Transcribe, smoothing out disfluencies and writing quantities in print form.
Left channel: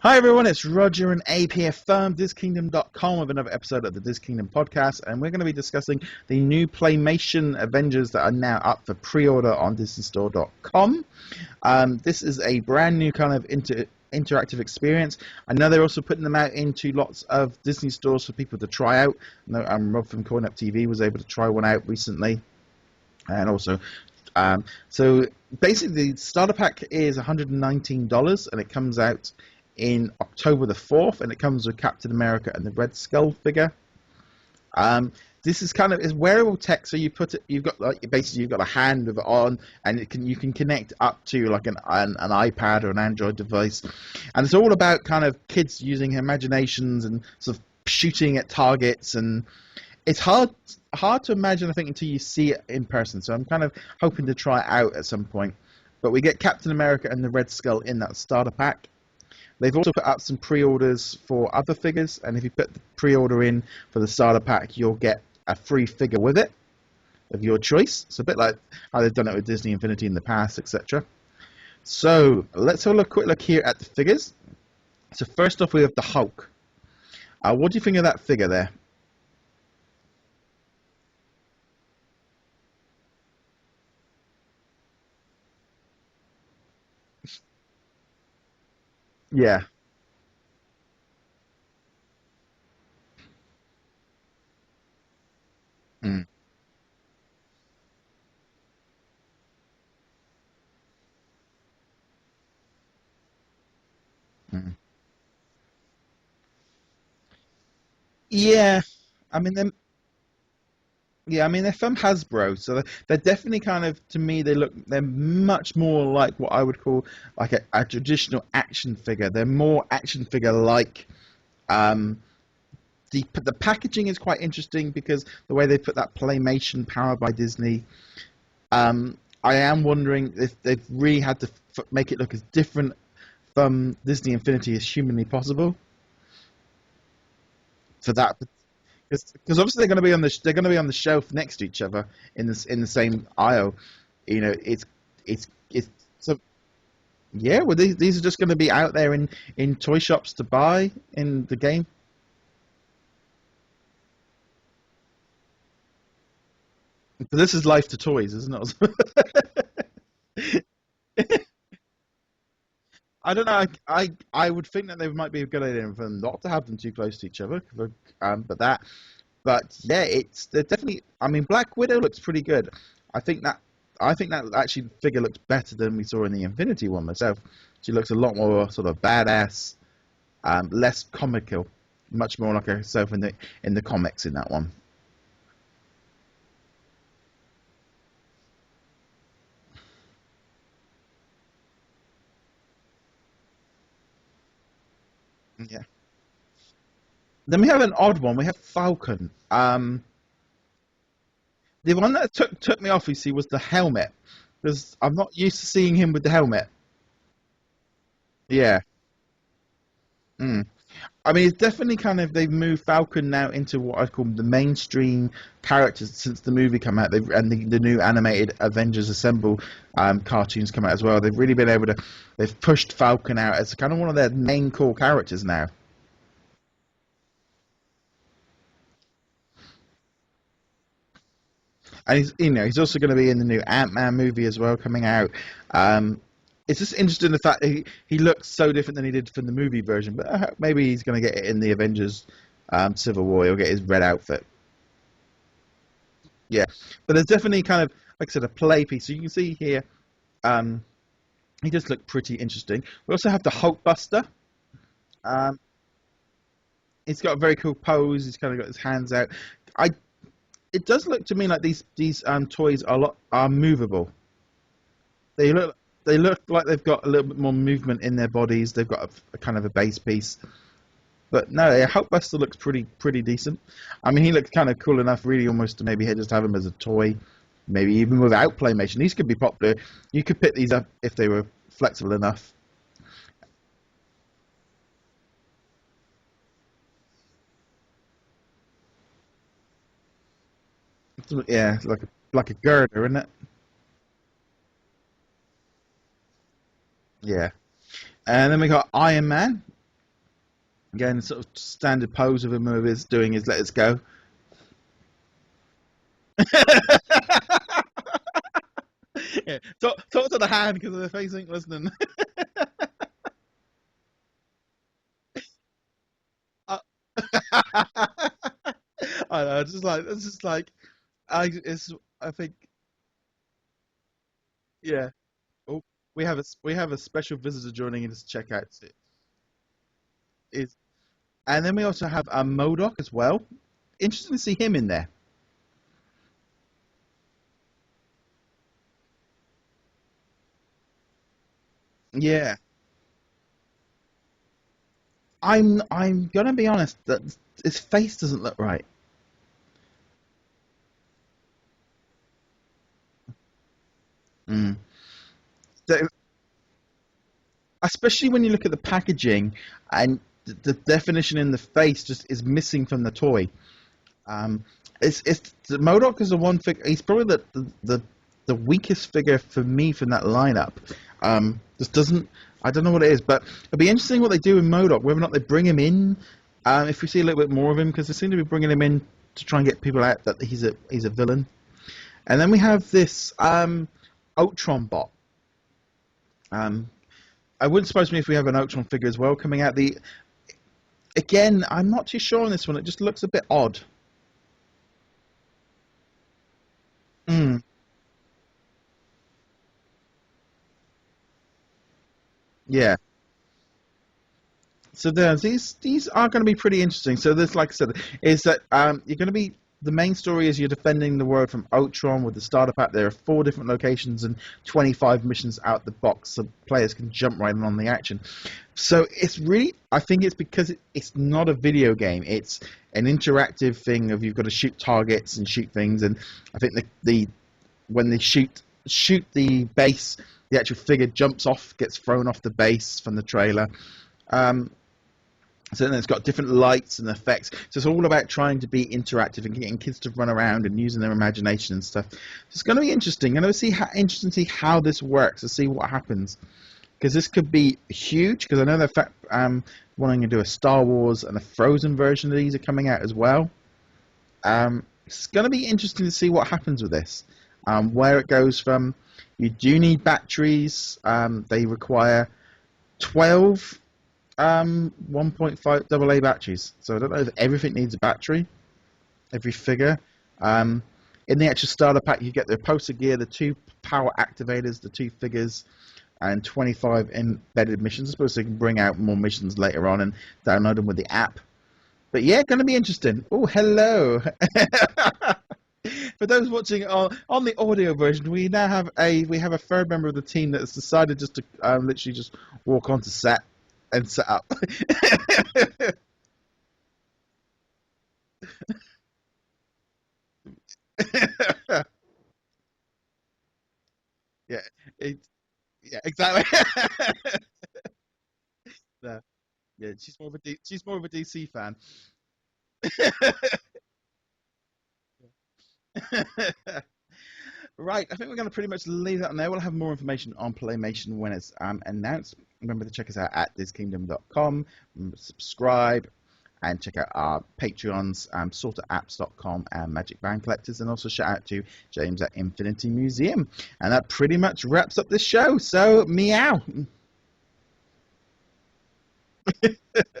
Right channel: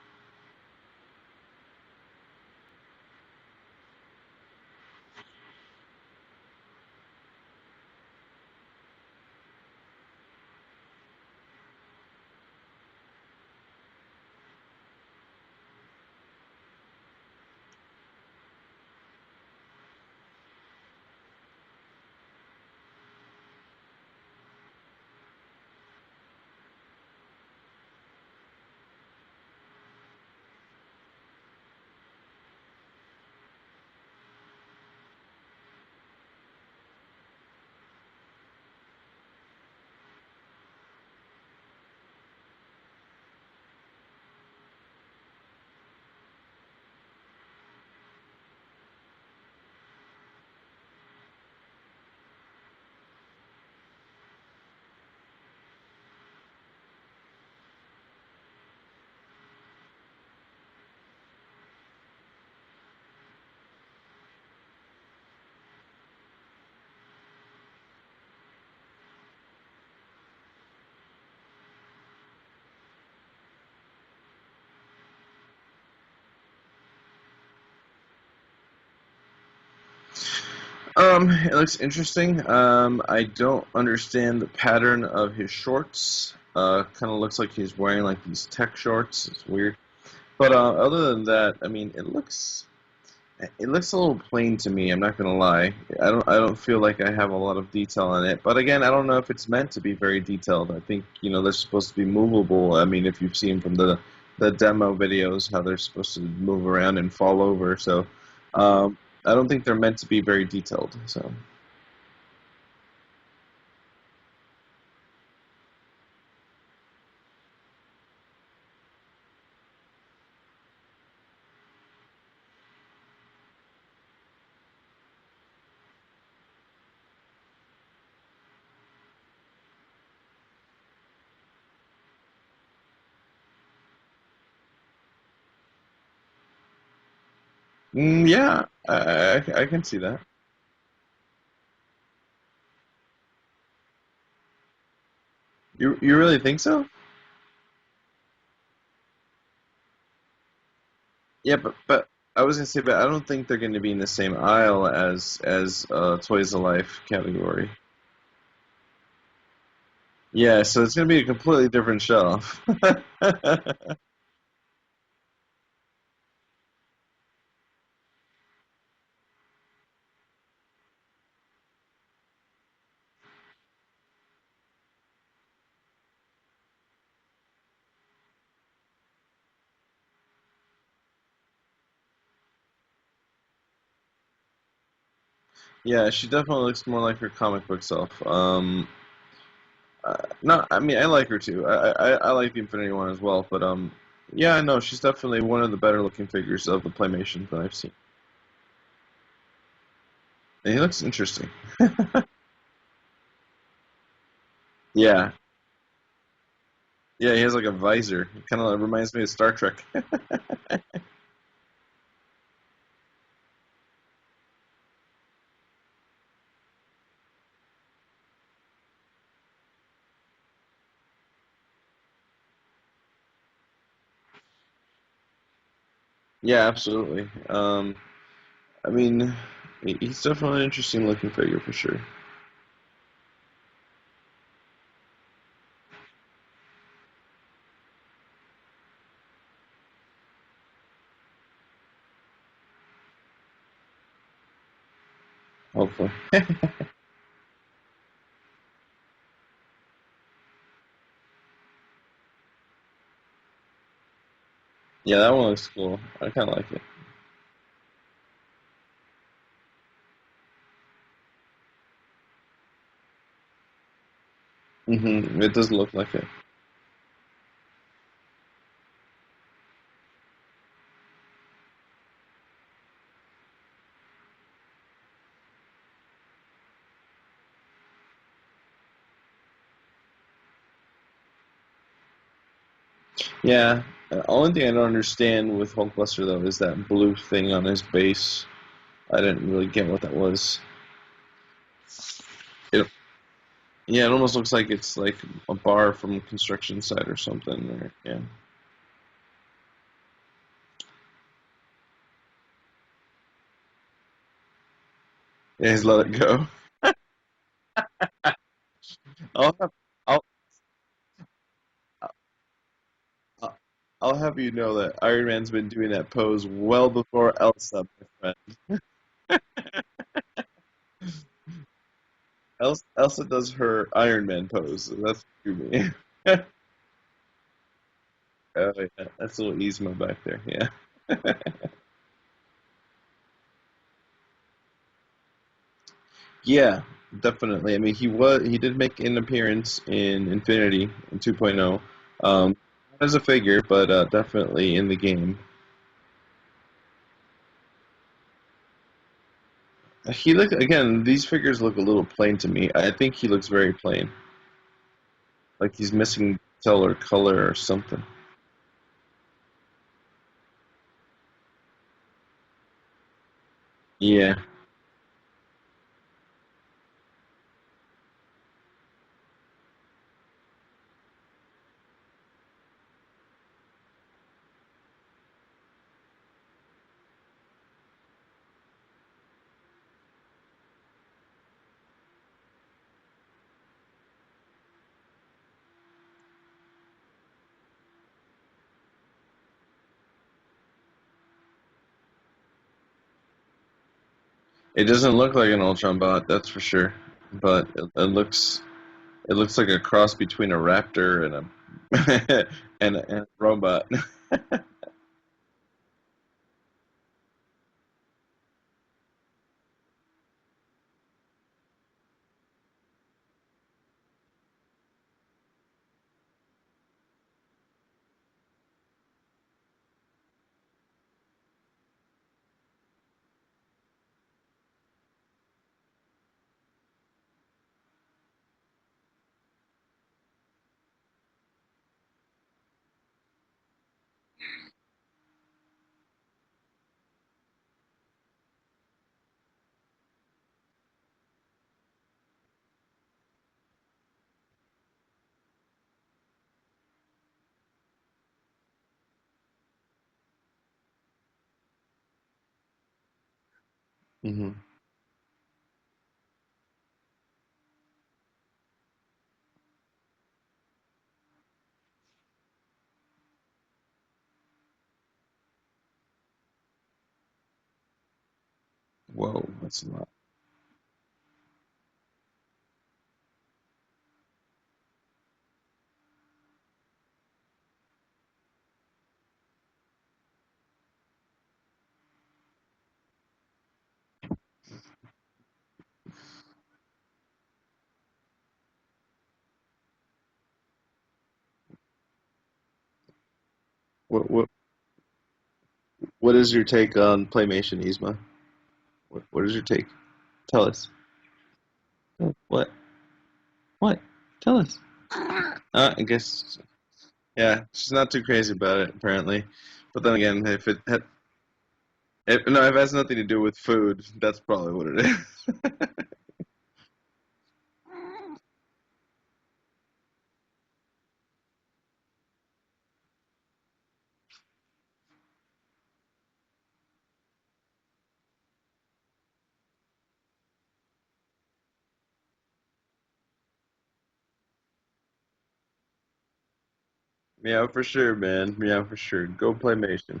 Hi everyone, it's Roger and APF Firm, DisKingdom.com with another episode of the DisKingdom podcast, and we're going to be discussing the new Playmation Avengers that are now up for pre-order on DisneyStore.com. This is a brand new kind of interactive experience. I know they're also putting them out into lots of Disney stores for people to try out. I know Rob from Coin Up TV was able to try one out recently, and also so basically the starter pack is $119 and it comes out in October the 4th, and it comes with Captain America and the Red Skull figure. This is kind of is wearable tech, so you put it, you've got like basically you've got a hand with it on, and you can connect up to like an iPad or an Android device, and it's all about kind of kids using imaginations and sort of shooting at targets, and it's hard to imagine, I think, until you see it in person. So I'm kind of hoping to try it out at some point. But we get Captain America and the Red Skull in that starter pack. They've also put up some pre-orders for other figures, and if you put the pre-order in for the starter pack, you'll get a free figure with it of your choice. It's a bit like how they've done it with Disney Infinity in the past, etc. So let's have a quick look here at the figures. So first off, we have the Hulk. What do you think of that figure there? It looks interesting. I don't understand the pattern of his shorts. Kind of looks like he's wearing like these tech shorts. It's weird. But other than that, I mean, it looks a little plain to me. I'm not gonna lie. I don't feel like I have a lot of detail on it. But again, I don't know if it's meant to be very detailed. I think they're supposed to be movable. I mean, if you've seen from the demo videos how they're supposed to move around and fall over. So yeah. I don't think they're meant to be very detailed. So yeah, I mean they're from Hasbro, so they're definitely kind of, to me, they're much more like what I would call like a traditional action figure. They're more action figure like. The packaging is quite interesting because the way they put that Playmation powered by Disney. I am wondering if they've really had to make it look as different from Disney Infinity as humanly possible. So yeah, because obviously they're going to be on the shelf next to each other in the same aisle. It's you really think so? Yeah, well these are just going to be out there in toy shops to buy in the game. But I was going to say, but I don't think they're going to be in the same aisle as Toys of Life category. But this is Life to Toys, isn't it? Yeah, so it's going to be a completely different shelf. I don't know. I would think that they might be a good idea for them not to have them too close to each other. But yeah, they're definitely. I mean, Black Widow looks pretty good. I think that actually figure looks better than we saw in the Infinity one myself. She looks a lot more sort of badass, less comical, much more like herself in the comics in that one. Yeah, she definitely looks more like her comic book self. No, I mean I like her too. I like the Infinity one as well, but yeah, I know she's definitely one of the better looking figures of the Playmation. Then we have an odd one. We have Falcon. And he looks interesting. The one that took me off, you see, was the helmet, because I'm not used to seeing him with the helmet. Yeah, he has like a visor. It kind of reminds me of Star Trek. I mean, it's definitely kind of, they've moved Falcon now into what I call the mainstream characters since the movie came out. And the new animated Avengers Assemble cartoons come out as well. They've really been able to, they've pushed Falcon out as kind of one of their main core characters now. Yeah, absolutely. I mean, he's definitely an interesting looking figure for sure. And he's also going to be in the new Ant-Man movie as well coming out. It's just interesting the fact that he looks so different than he did from the movie version, but maybe he's going to get it in the Avengers Civil War. He'll get his red outfit. Hopefully. Yeah, but there's definitely kind of, like I said, a play piece. So you can see here, he does look pretty interesting. We also have the Hulkbuster. Yeah, that one looks cool. I kind of like it. He's got a very cool pose. He's kind of got his hands out. It does look to me like these toys are movable. Mm-hmm. It does look like they look like they've got a little bit more movement in their bodies. They've got a kind of a base piece, but no, Hulkbuster looks pretty decent. I mean, he looks kind of cool enough, really, almost to maybe just have him as a toy, maybe even without Playmation. These could be popular. You could pick these up if they were flexible enough. Yeah. The only thing I don't understand with Hulkbuster though is that blue thing on his base. I didn't really get what that was. Yeah, like a girder, isn't it? Yeah, it almost looks like it's like a bar from construction site or something. Yeah. And then we got Iron Man. Again, sort of standard pose of him with his doing his "Let Us Go." Yeah, he's let it go. Yeah. Talk to the hand because the face ain't listening. I'll have you know that Iron Man's been doing that pose well before Elsa. I know, I think Elsa does her Iron Man pose. So yeah. That's true. Me. We have a special visitor joining in to check out. Oh, yeah. That's a little Yzma back there. Yeah. And then we also have a MODOK as well. Interesting to see him in there. Yeah, definitely. I mean, he did make an appearance in Infinity in 2.0. Yeah. As a figure, but definitely in the game. I'm gonna be honest that his face doesn't look right. These figures look a little plain to me. I think he looks very plain. Mm. Like he's missing color or something. Especially when you look at the packaging and the definition in the face just is missing from the toy. Yeah. It's the MODOK is the one figure. He's probably the weakest figure for me from that lineup. Just doesn't. I don't know what it is, but it'll be interesting what they do in MODOK. Whether or not they bring him in, if we see a little bit more of him, because they seem to be bringing him in to try and get people out that he's a villain. And then we have this Ultron bot. I wouldn't surprise me if we have an Ultron figure as well coming out. Again, I'm not too sure on this one. It just looks a bit odd. It doesn't look like an Ultron bot, that's for sure. But it looks like a cross between a raptor and a and a robot. So these are going to be pretty interesting. So this, like I said, is that you're going to be. The main story is you're defending the world from Ultron with the starter pack. There are 4 different locations and 25 missions out the box, so players can jump right in on the action. So it's really, I think it's because it's not a video game. It's an interactive thing of you've got to shoot targets and shoot things. And I think when they shoot the base, the actual figure jumps off, gets thrown off the base from the trailer. So then it's got different lights and effects. So it's all about trying to be interactive and getting kids to run around and using their imagination and stuff. So it's going to be interesting. I'm going to see how this works, to see what happens. Because this could be huge, because I know they're wanting to do a Star Wars and a Frozen version of these are coming out as well. Mm-hmm. It's going to be interesting to see what happens with this. Where it goes from. You do need batteries. They require 12 1.5 AA batteries. So I don't know if everything needs a battery. Whoa, every figure. In the actual starter pack, you get the poster gear, the 2 power activators, the 2 figures, and 25 embedded missions. I suppose they can bring out more missions later on and download them with the app. But yeah, going to be interesting. Oh, hello. For those watching on the audio version, we now have a third member of the team that has decided just to literally just walk onto set and set up. What is your take on Playmation, Yzma? What is your take? Tell us. What? Tell us. Exactly. Yeah, she's not too crazy about it, apparently. Yeah, but then again, she's more of a DC fan. If it has nothing to do with food, that's probably what it is. Right, I think we're going to pretty much leave that on there. We'll have more information on Playmation when it's announced. Remember to check us out at DisKingdom.com. Remember to subscribe and check out our Patreons, sorterapps.com and Magic Band Collectors. And also shout out to James at Infinity Museum. And that pretty much wraps up this show. So, meow. Meow for sure, man. Meow for sure. Go Playmation.